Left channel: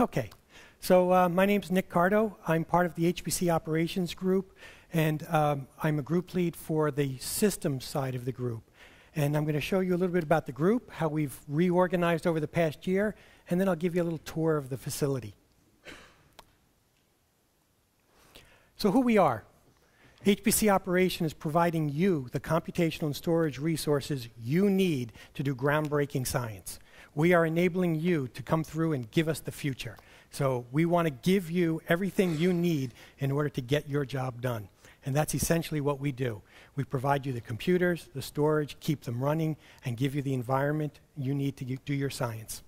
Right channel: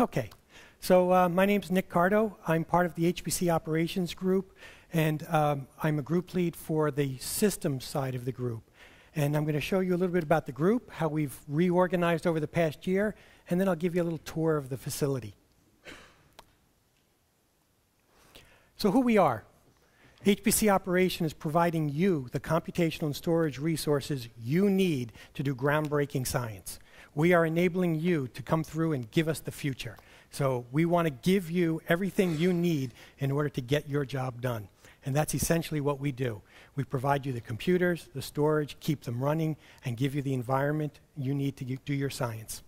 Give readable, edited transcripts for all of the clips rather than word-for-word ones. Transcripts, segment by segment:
Okay, so my name's Nick Cardo. I'm part of the HPC Operations group, and I'm a group lead for the systems side of the group. And I'm going to show you a little bit about the group, how we've reorganized over the past year, and then I'll give you a little tour of the facility. So who we are. HPC Operations is providing you the computational and storage resources you need to do groundbreaking science. We are enabling you to come through and give us the future. So we want to give you everything you need in order to get your job done. And that's essentially what we do. We provide you the computers, the storage, keep them running, and give you the environment you need to do your science.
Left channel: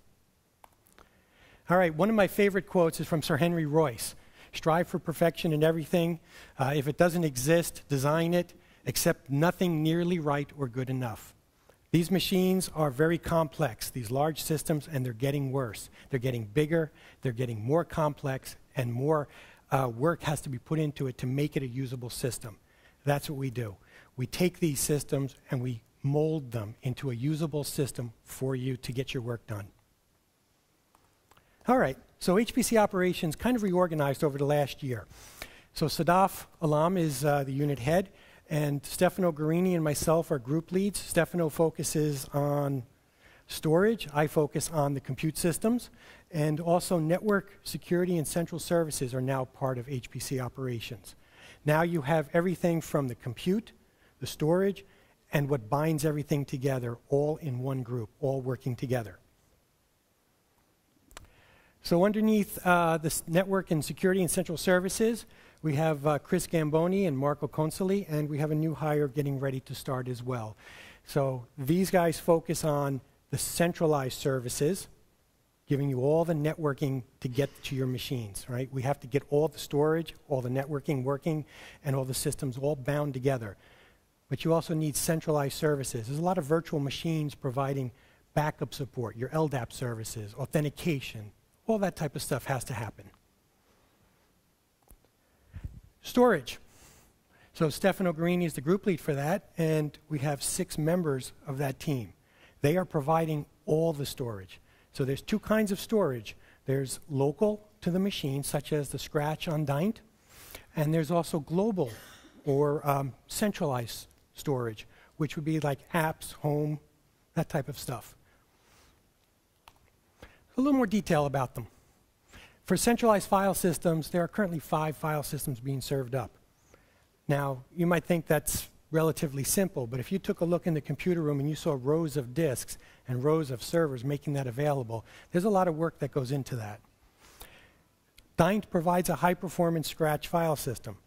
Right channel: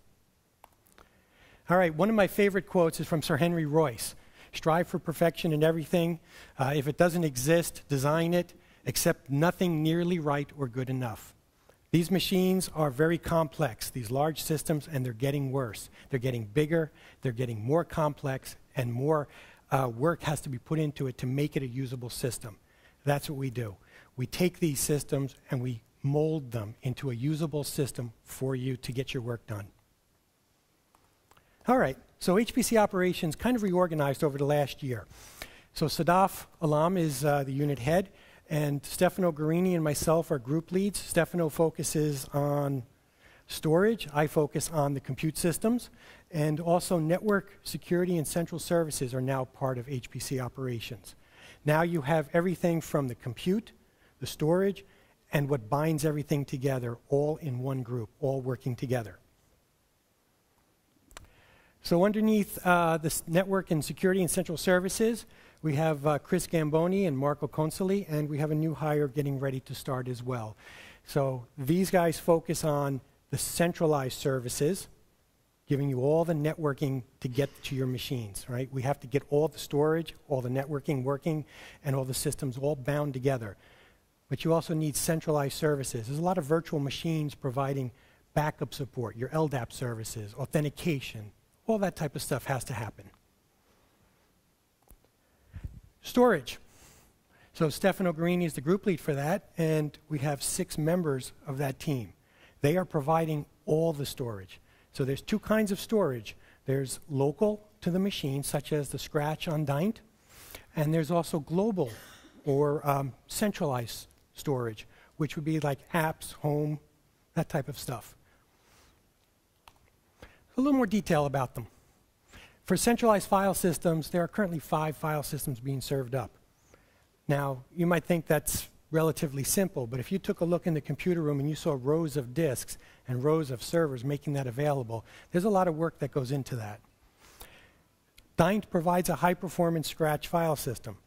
All right, one of my favorite quotes is from Sir Henry Royce. Strive for perfection in everything. If it doesn't exist, design it. Accept nothing nearly right or good enough. These machines are very complex, these large systems, and they're getting worse. They're getting bigger, they're getting more complex, and more work has to be put into it to make it a usable system. That's what we do. We take these systems and we mold them into a usable system for you to get your work done. All right, so HPC Operations kind of reorganized over the last year. So Sadaf Alam is the unit head, and Stefano Guarini and myself are group leads. Stefano focuses on storage. I focus on the compute systems. And also network, security, and central services are now part of HPC Operations. Now you have everything from the compute, the storage, and what binds everything together all in one group, all working together. So underneath this network and security and central services, we have Chris Gamboni and Marco Consoli, and we have a new hire getting ready to start as well. So these guys focus on the centralized services, giving you all the networking to get to your machines, right? We have to get all the storage, all the networking working, and all the systems all bound together. But you also need centralized services. There's a lot of virtual machines providing backup support, your LDAP services, authentication, all that type of stuff has to happen. Storage. So Stefano Guarini is the group lead for that, and we have 6 members of that team. They are providing all the storage. So there's 2 kinds of storage. There's local to the machine, such as the Scratch on Dint, and there's also global or centralized storage, which would be like apps, home, that type of stuff. A little more detail about them. For centralized file systems, there are currently 5 file systems being served up. Now, you might think that's relatively simple, but if you took a look in the computer room and you saw rows of disks and rows of servers making that available, there's a lot of work that goes into that. Dint provides a high-performance Scratch file system.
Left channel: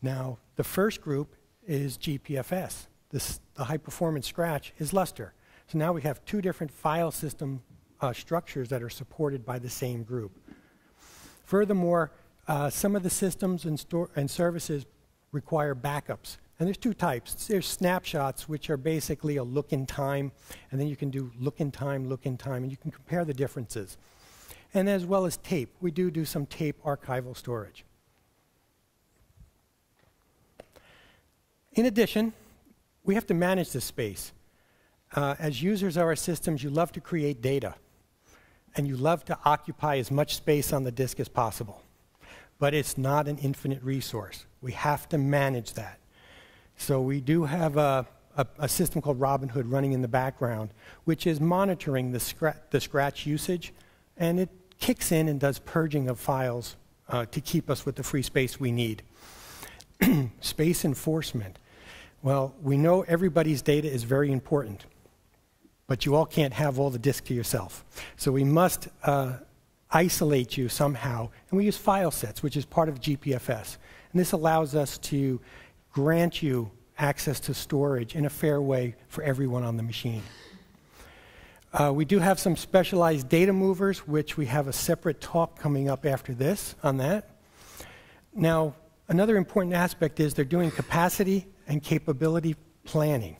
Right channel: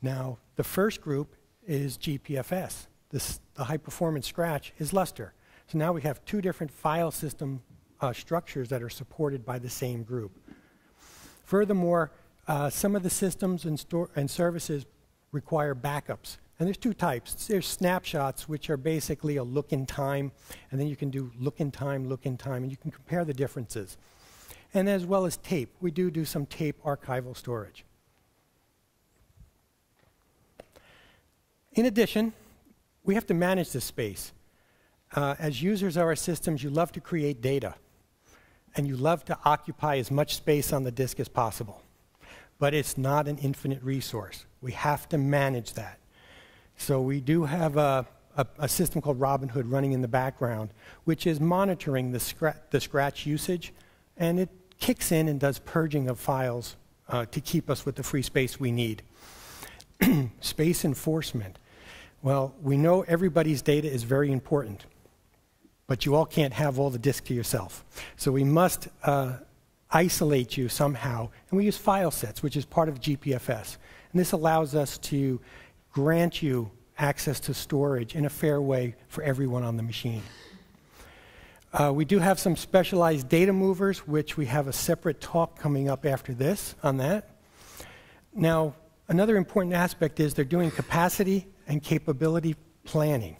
Now, the first group is GPFS. The high-performance Scratch is Lustre. So now we have 2 different file system structures that are supported by the same group. Furthermore, some of the systems and services require backups. And there's 2 types. There's snapshots, which are basically a look in time, and then you can do look in time, and you can compare the differences. And as well as tape. We do some tape archival storage. In addition, we have to manage this space. As users of our systems, you love to create data, and you love to occupy as much space on the disk as possible. But it's not an infinite resource. We have to manage that. So we do have a system called Robinhood running in the background, which is monitoring the Scratch usage, and it kicks in and does purging of files to keep us with the free space we need. Space enforcement. Well, we know everybody's data is very important, but you all can't have all the disk to yourself. So we must isolate you somehow, and we use file sets, which is part of GPFS. And this allows us to grant you access to storage in a fair way for everyone on the machine. We do have some specialized data movers, which we have a separate talk coming up after this on that. Now, another important aspect is they're doing capacity and capability planning.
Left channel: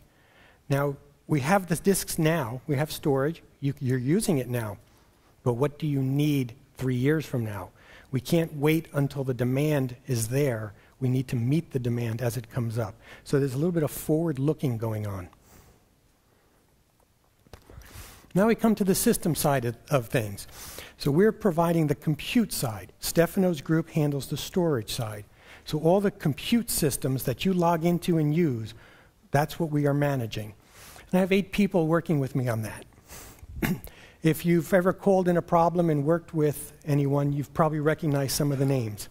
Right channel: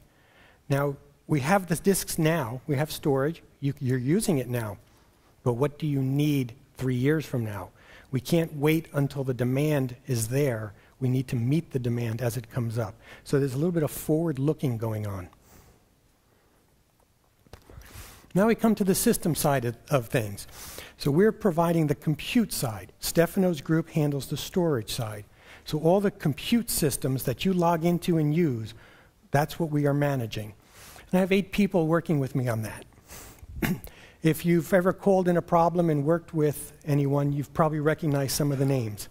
Now, we have the disks now, we have storage, you're using it now, but what do you need 3 years from now? We can't wait until the demand is there. We need to meet the demand as it comes up. So there's a little bit of forward looking going on. Now we come to the system side of things. So we're providing the compute side. Stefano's group handles the storage side. So all the compute systems that you log into and use, that's what we are managing. And I have 8 people working with me on that. If you've ever called in a problem and worked with anyone, you've probably recognized some of the names.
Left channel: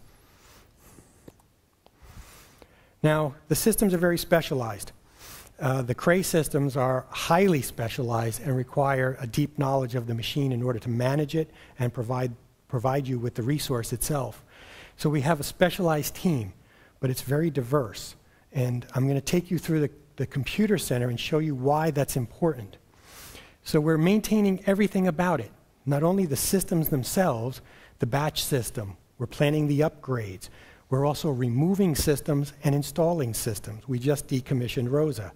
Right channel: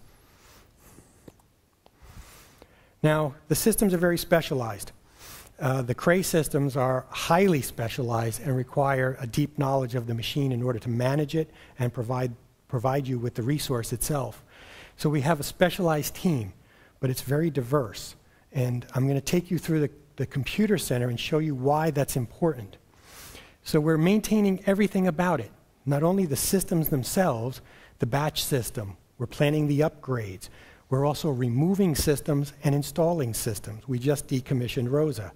Now, the systems are very specialized. The Cray systems are highly specialized and require a deep knowledge of the machine in order to manage it and provide you with the resource itself. So we have a specialized team, but it's very diverse. And I'm going to take you through the computer center and show you why that's important. So we're maintaining everything about it, not only the systems themselves, the batch system. We're planning the upgrades. We're also removing systems and installing systems. We just decommissioned Rosa.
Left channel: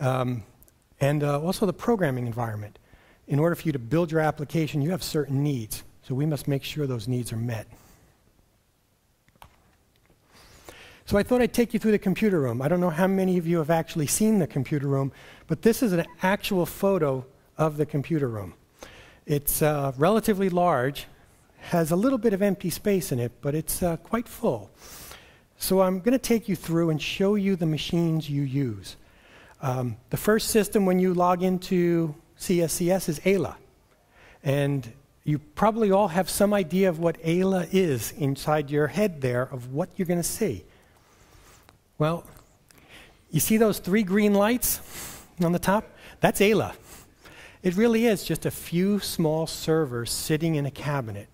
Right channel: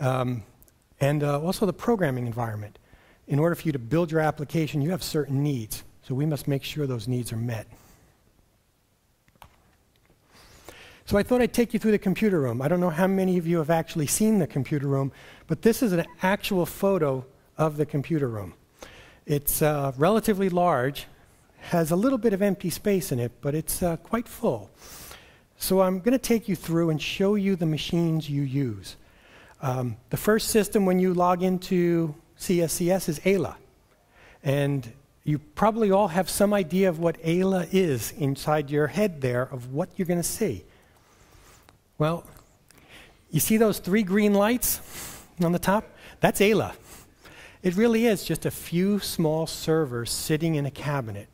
And also the programming environment. In order for you to build your application, you have certain needs. So we must make sure those needs are met. So I thought I'd take you through the computer room. I don't know how many of you have actually seen the computer room, but this is an actual photo of the computer room. It's relatively large, has a little bit of empty space in it, but it's quite full. So I'm going to take you through and show you the machines you use. The first system when you log into CSCS is Ayla. And you probably all have some idea of what Ayla is inside your head there of what you're going to see. Well, you see those 3 green lights on the top? That's Ayla. It really is just a few small servers sitting in a cabinet,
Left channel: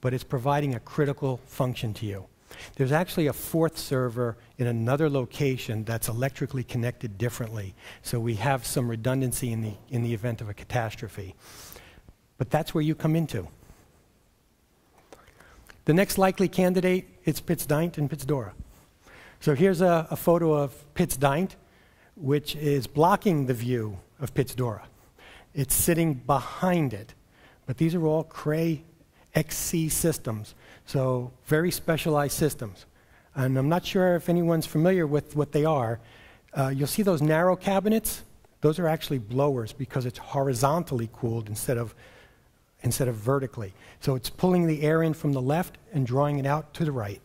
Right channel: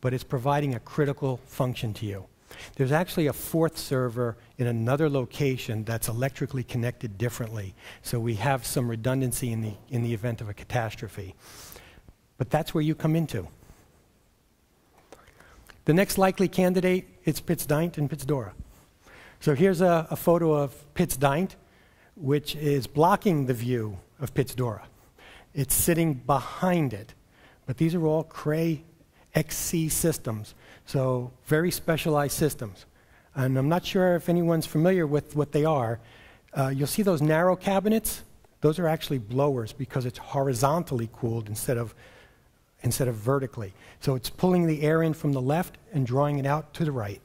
but it's providing a critical function to you. There's actually a 4th server in another location that's electrically connected differently, so we have some redundancy in the event of a catastrophe. But that's where you come into. The next likely candidate is Pittsdynt and Pittsdora. So here's a photo of Pittsdynt, which is blocking the view of Pittsdora. It's sitting behind it, but these are all Cray XC systems, so very specialized systems. And I'm not sure if anyone's familiar with what they are. You'll see those narrow cabinets. Those are actually blowers because it's horizontally cooled instead of vertically. So it's pulling the air in from the left and drawing it out to the right.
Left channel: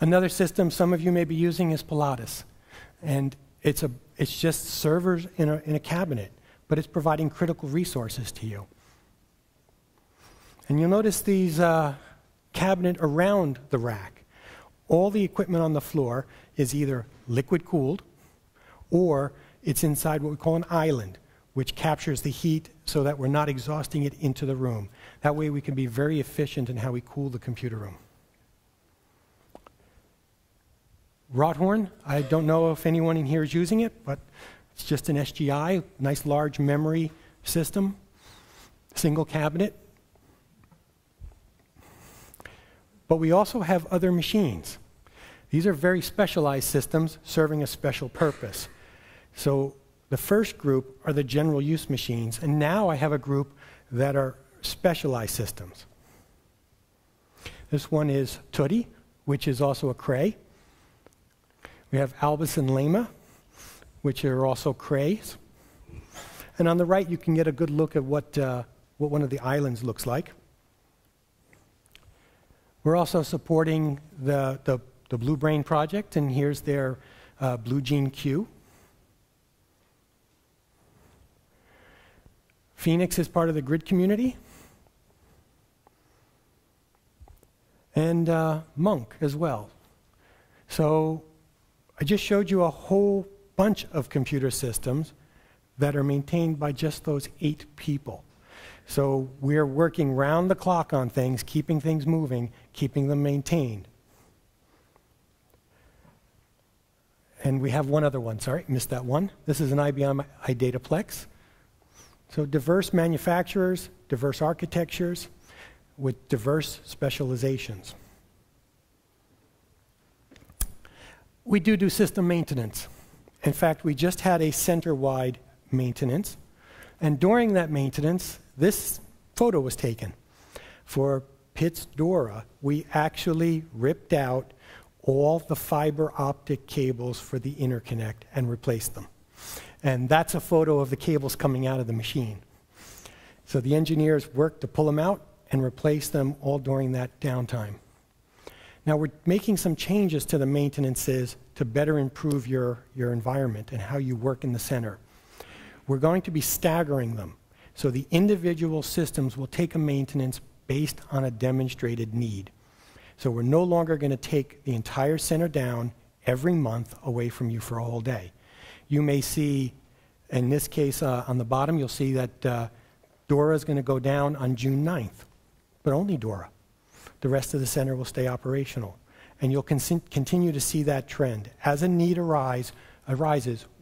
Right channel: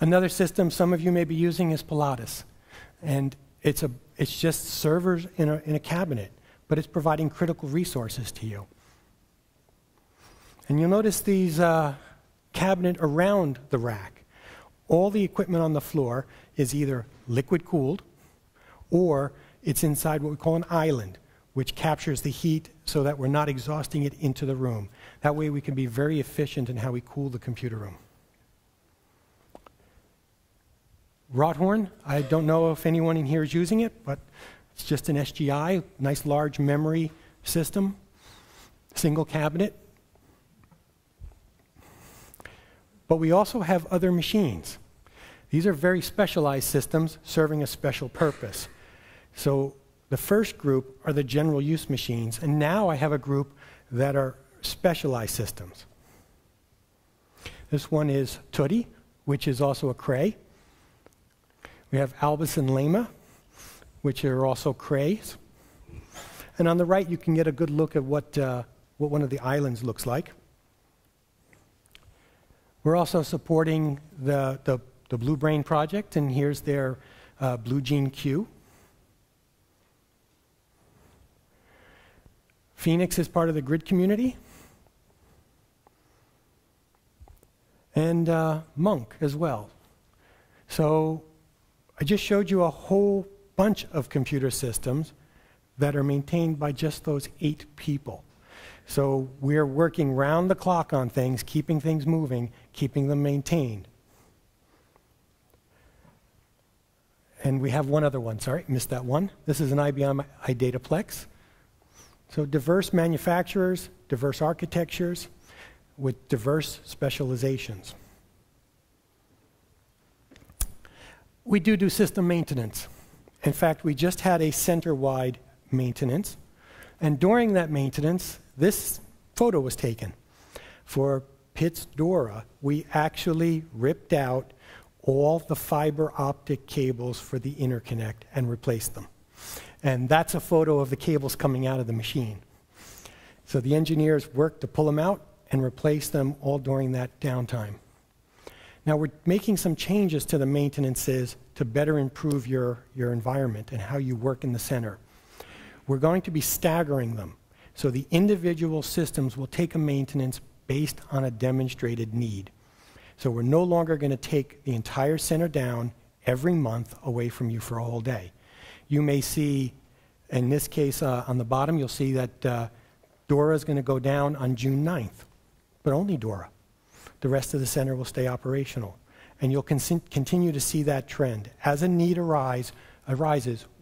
Another system some of you may be using is Pilatus. And it's just servers in a cabinet, but it's providing critical resources to you. And you'll notice these cabinet around the rack. All the equipment on the floor is either liquid cooled or it's inside what we call an island, which captures the heat so that we're not exhausting it into the room. That way we can be very efficient in how we cool the computer room. Rothorn, I don't know if anyone in here is using it, but it's just an SGI, nice large memory system, single cabinet. But we also have other machines. These are very specialized systems serving a special purpose. So the first group are the general use machines, and now I have a group that are specialized systems. This one is Hoodie, which is also a Cray. We have Albus and Lema, which are also Crays. And on the right, you can get a good look at what one of the islands looks like. We're also supporting the Blue Brain project, and here's their Blue Gene Q. Phoenix is part of the grid community. And Monk as well. So I just showed you a whole bunch of computer systems that are maintained by just those 8 people. So we're working round the clock on things, keeping things moving, keeping them maintained. And we have one other one. Sorry, missed that one. This is an IBM Data Plex. So diverse manufacturers, diverse architectures with diverse specializations. We do system maintenance. In fact, we just had a center-wide maintenance. And during that maintenance, this photo was taken. For Pittsdora, we actually ripped out all the fiber optic cables for the interconnect and replaced them. And that's a photo of the cables coming out of the machine. So the engineers worked to pull them out and replace them all during that downtime. Now we're making some changes to the maintenances to better improve your environment and how you work in the center. We're going to be staggering them. So the individual systems will take a maintenance based on a demonstrated need. So we're no longer going to take the entire center down every month away from you for a whole day. You may see, in this case, on the bottom, you'll see that Dora is going to go down on June 9th, but only Dora. The rest of the center will stay operational. And you'll continue to see that trend. As a need arises,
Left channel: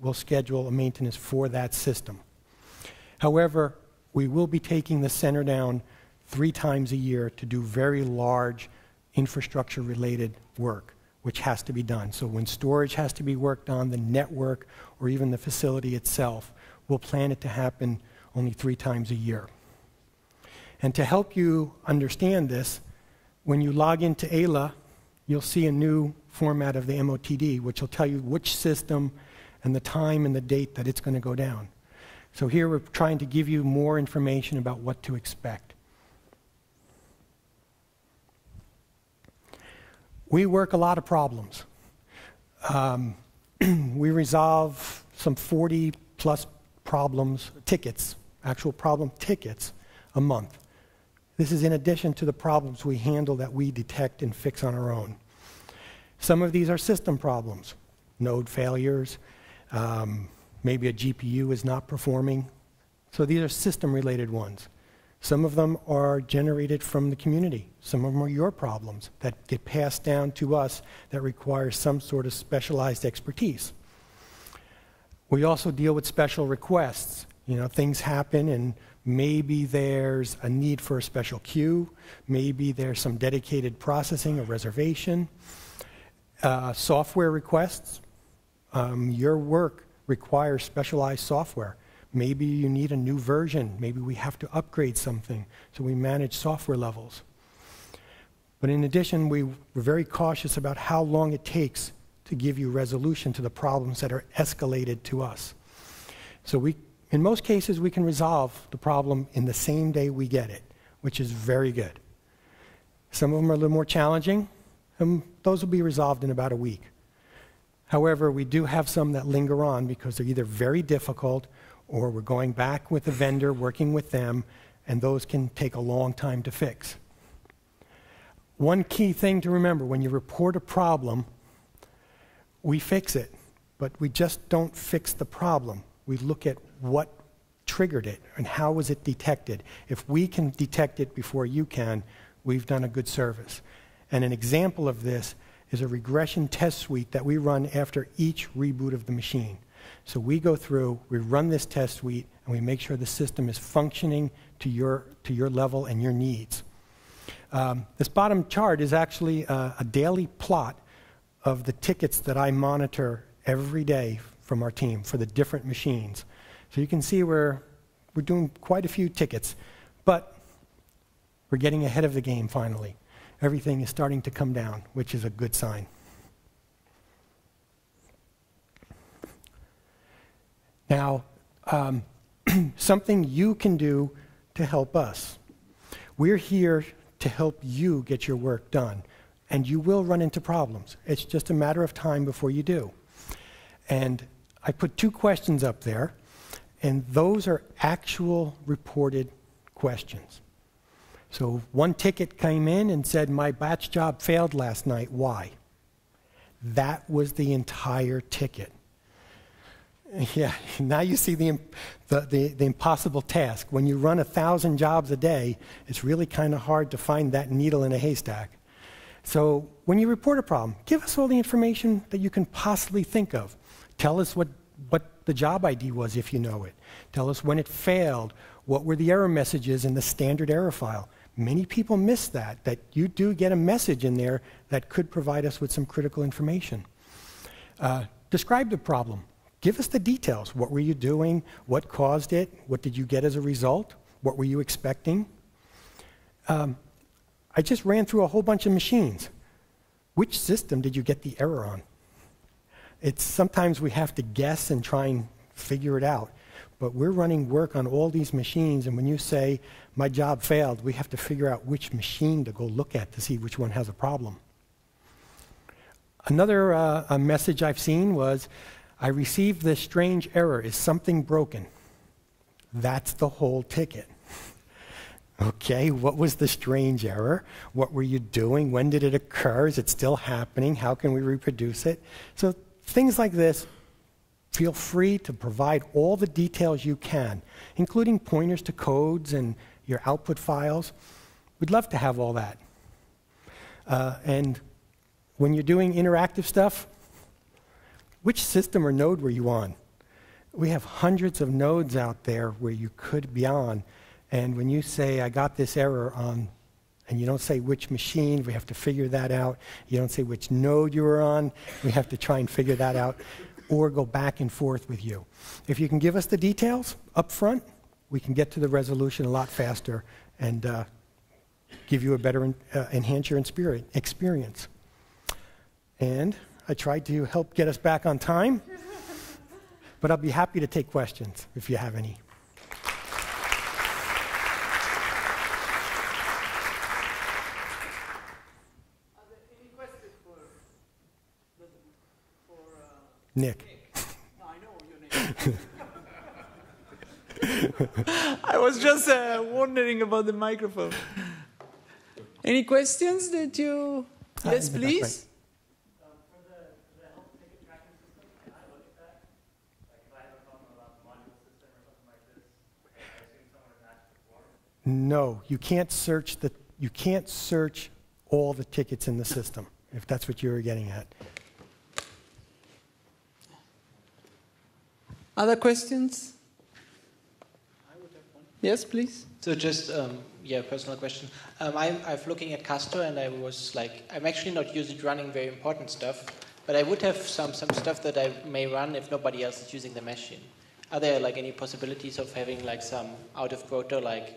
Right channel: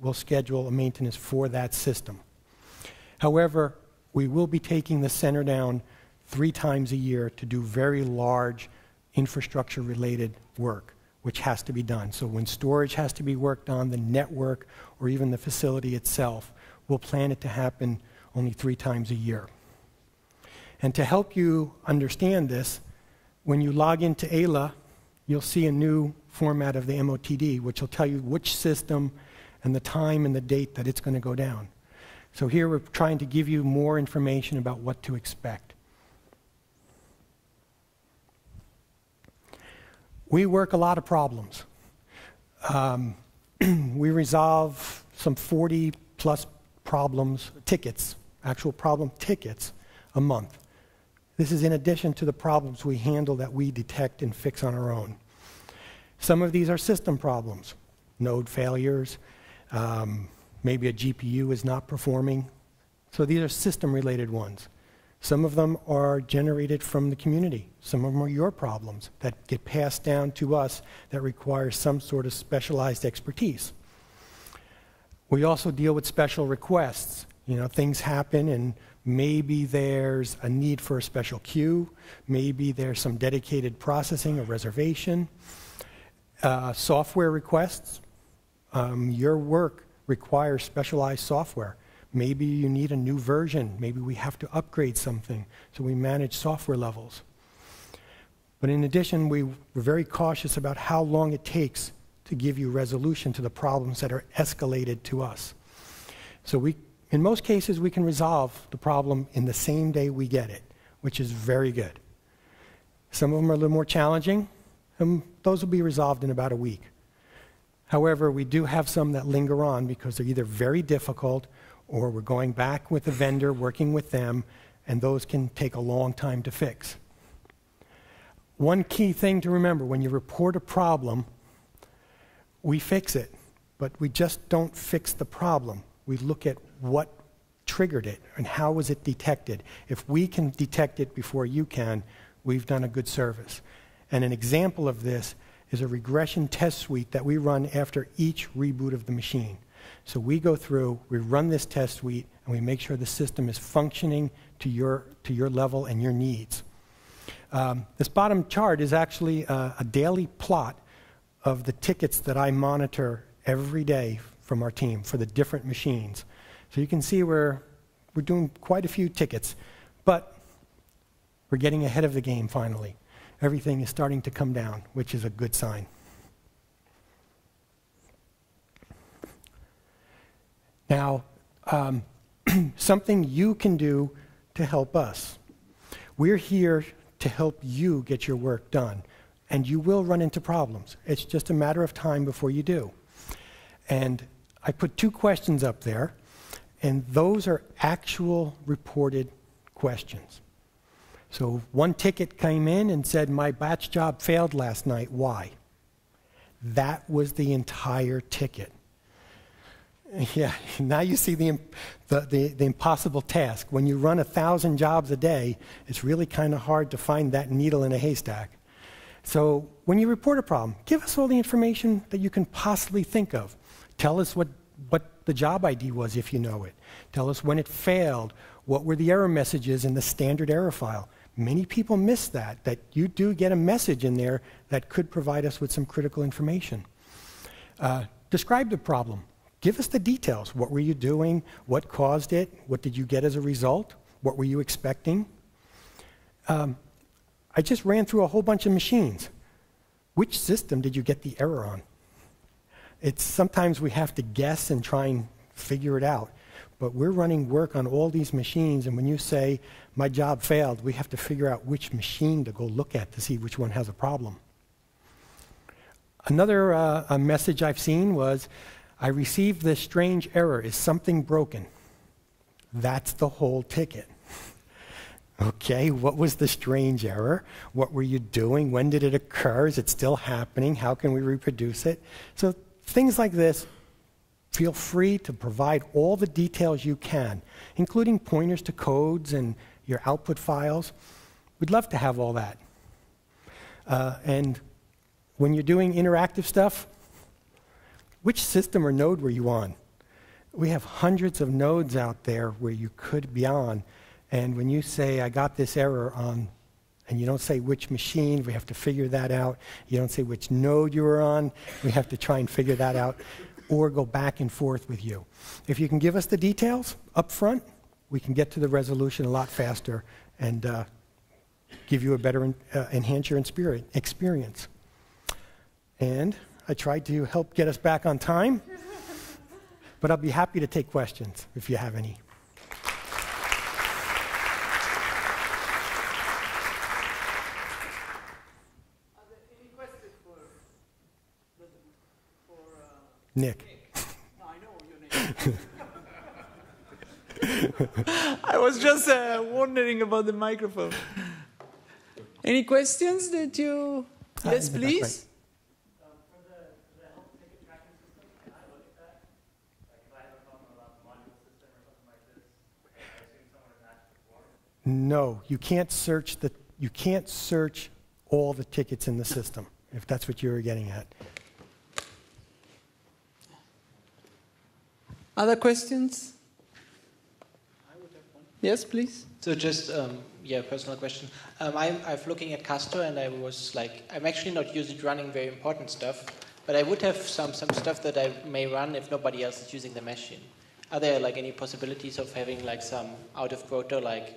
we'll schedule a maintenance for that system. However, we will be taking the center down 3 times a year to do very large infrastructure-related work, which has to be done. So when storage has to be worked on, the network, or even the facility itself, we'll plan it to happen only 3 times a year. And to help you understand this, when you log into AILA, you'll see a new format of the MOTD, which will tell you which system and the time and the date that it's going to go down. So here we're trying to give you more information about what to expect. We work a lot of problems. We resolve some 40+ problems, tickets, actual problem tickets a month. This is in addition to the problems we handle that we detect and fix on our own. Some of these are system problems, node failures, maybe a GPU is not performing. So these are system-related ones. Some of them are generated from the community. Some of them are your problems that get passed down to us that require some sort of specialized expertise. We also deal with special requests. You know, things happen and maybe there's a need for a special queue. Maybe there's some dedicated processing or reservation. Software requests. Your work requires specialized software. Maybe you need a new version. Maybe we have to upgrade something. So we manage software levels. But in addition, we're very cautious about how long it takes to give you resolution to the problems that are escalated to us. So in most cases, we can resolve the problem in the same day we get it, which is very good. Some of them are a little more challenging, and those will be resolved in about a week. However, we do have some that linger on because they're either very difficult or we're going back with the vendor, working with them, and those can take a long time to fix. One key thing to remember, when you report a problem, we fix it, but we just don't fix the problem. We look at what triggered it and how was it detected. If we can detect it before you can, we've done a good service. And an example of this is a regression test suite that we run after each reboot of the machine. So we go through, we run this test suite, and we make sure the system is functioning to your level and your needs. This bottom chart is actually a daily plot of the tickets that I monitor every day from our team for the different machines. So you can see we're doing quite a few tickets, but we're getting ahead of the game finally. Everything is starting to come down, which is a good sign. Now, something you can do to help us. We're here to help you get your work done, and you will run into problems. It's just a matter of time before you do. And I put 2 questions up there, and those are actual reported questions. So one ticket came in and said, my batch job failed last night. Why? That was the entire ticket. Yeah, now you see the impossible task. When you run 1,000 jobs a day, it's really kind of hard to find that needle in a haystack. So when you report a problem, give us all the information that you can possibly think of. Tell us what the job ID was if you know it. Tell us when it failed. What were the error messages in the standard error file? Many people miss that you do get a message in there that could provide us with some critical information. Describe the problem. Give us the details. What were you doing? What caused it? What did you get as a result? What were you expecting? I just ran through a whole bunch of machines. Which system did you get the error on? Sometimes we have to guess and try and figure it out. But we're running work on all these machines, and when you say, my job failed, we have to figure out which machine to go look at to see which one has a problem. Another a message I've seen was, I received this strange error. Is something broken? That's the whole ticket. Okay, what was the strange error? What were you doing? When did it occur? Is it still happening? How can we reproduce it? So things like this, feel free to provide all the details you can, including pointers to codes and your output files. We'd love to have all that. And when you're doing interactive stuff, which system or node were you on? We have hundreds of nodes out there where you could be on. And when you say, I got this error on, and you don't say which machine, we have to figure that out. You don't say which node you were on, we have to try and figure that out, or go back and forth with you. If you can give us the details up front, we can get to the resolution a lot faster and give you a better, enhance your experience. And I tried to help get us back on time, but I'll be happy to take questions if you have any. Nick. No, I know your name. I was just wondering about the microphone. Any questions that you... Yes, please. No, you can't search all the tickets in the system, if that's what you were getting at. Other questions? Yes, please. So just, personal question. I'm looking at Cardo, and I was like, I'm actually not using running very important stuff, but I would have some stuff that I may run if nobody else is using the machine. Are there like any possibilities of having like some out of quota like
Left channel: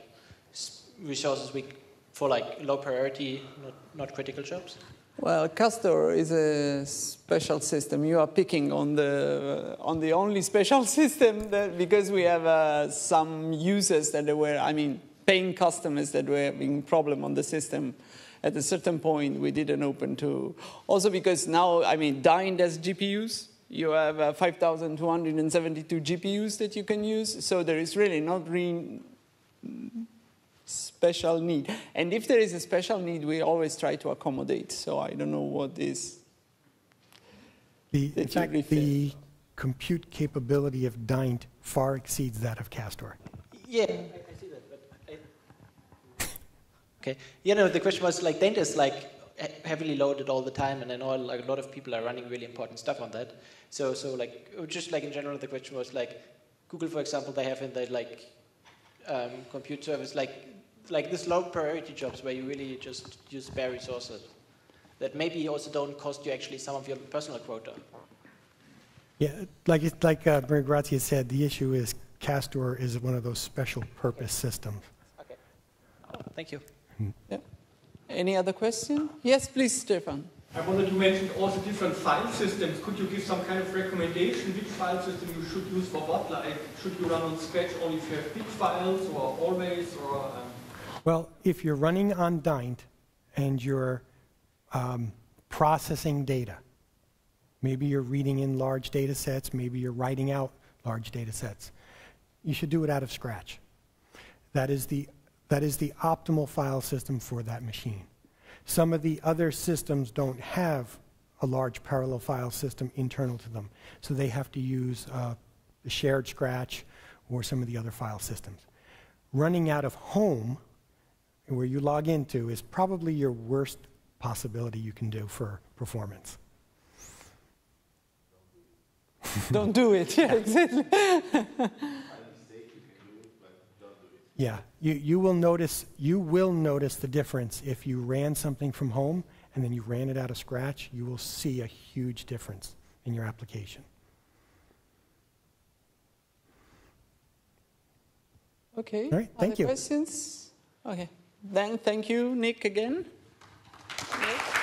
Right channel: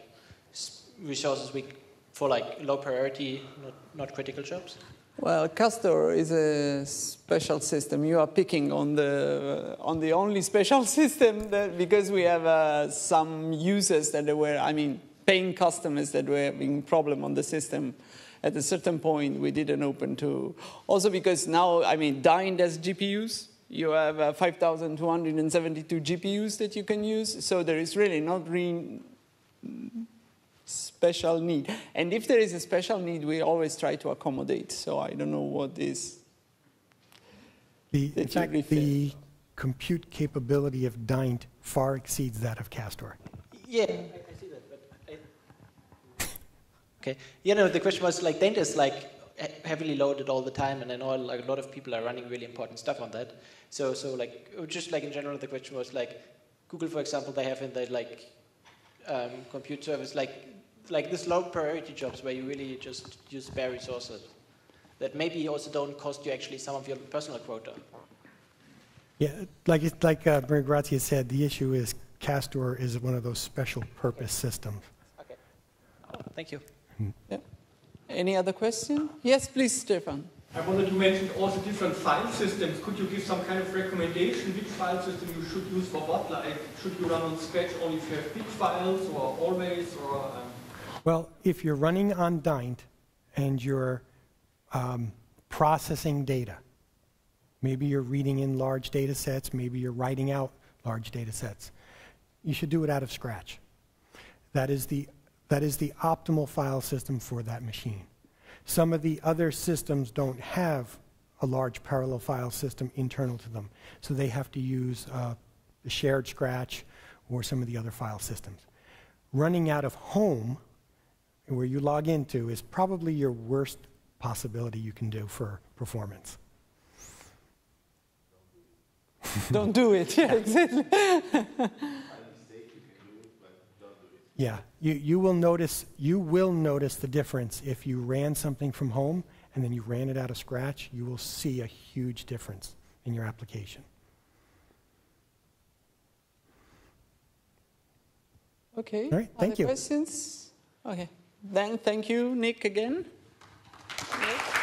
resources for like low priority, not critical jobs? Well, Cardo is a special system. You are picking on the only special system because we have some users that were, paying customers that were having problem on the system. At a certain point, we didn't open to. Also because now, Dyn has GPUs. You have 5,272 GPUs that you can use. So there is really not really special need. And if there is a special need, we always try to accommodate. So I don't know what is. In fact, the compute capability of Dyn far exceeds that of Cardo. Yeah, I see that. But okay. The question was like Dyn is like heavily loaded all the time, and I know like a lot of people are running really important stuff on that. So like just like in general, the question was like Google, for example, they have in their like compute service like this low priority jobs where you really just use spare resources that maybe also don't cost you actually some of your personal quota. Yeah, like Bernard Grazia said, the issue is Cardo is one of those special purpose systems. Okay, thank you. Yeah. Any other question? Yes, please, Stefan. I wanted to mention also different file systems. Could you give some kind of recommendation which file system you should use for what? Like, should you run on Scratch only if you have big files, or always, or? Well, if you're running on Dyn and you're processing data, maybe you're reading in large data sets, maybe you're writing out large data sets, you should do it out of Scratch. That is the optimal file system for that machine. Some of the other systems don't have a large parallel file system internal to them, so they have to use the shared Scratch or some of the other file systems. Running out of home, where you log into, is probably your worst possibility you can do for performance. Don't do it. Yeah, exactly. Yeah, you will notice the difference if you ran something from home and then you ran it out of Scratch. You will see a huge difference in your application. Okay. All right, thank you. Questions? Okay. Then thank you, Nick, again. Nick.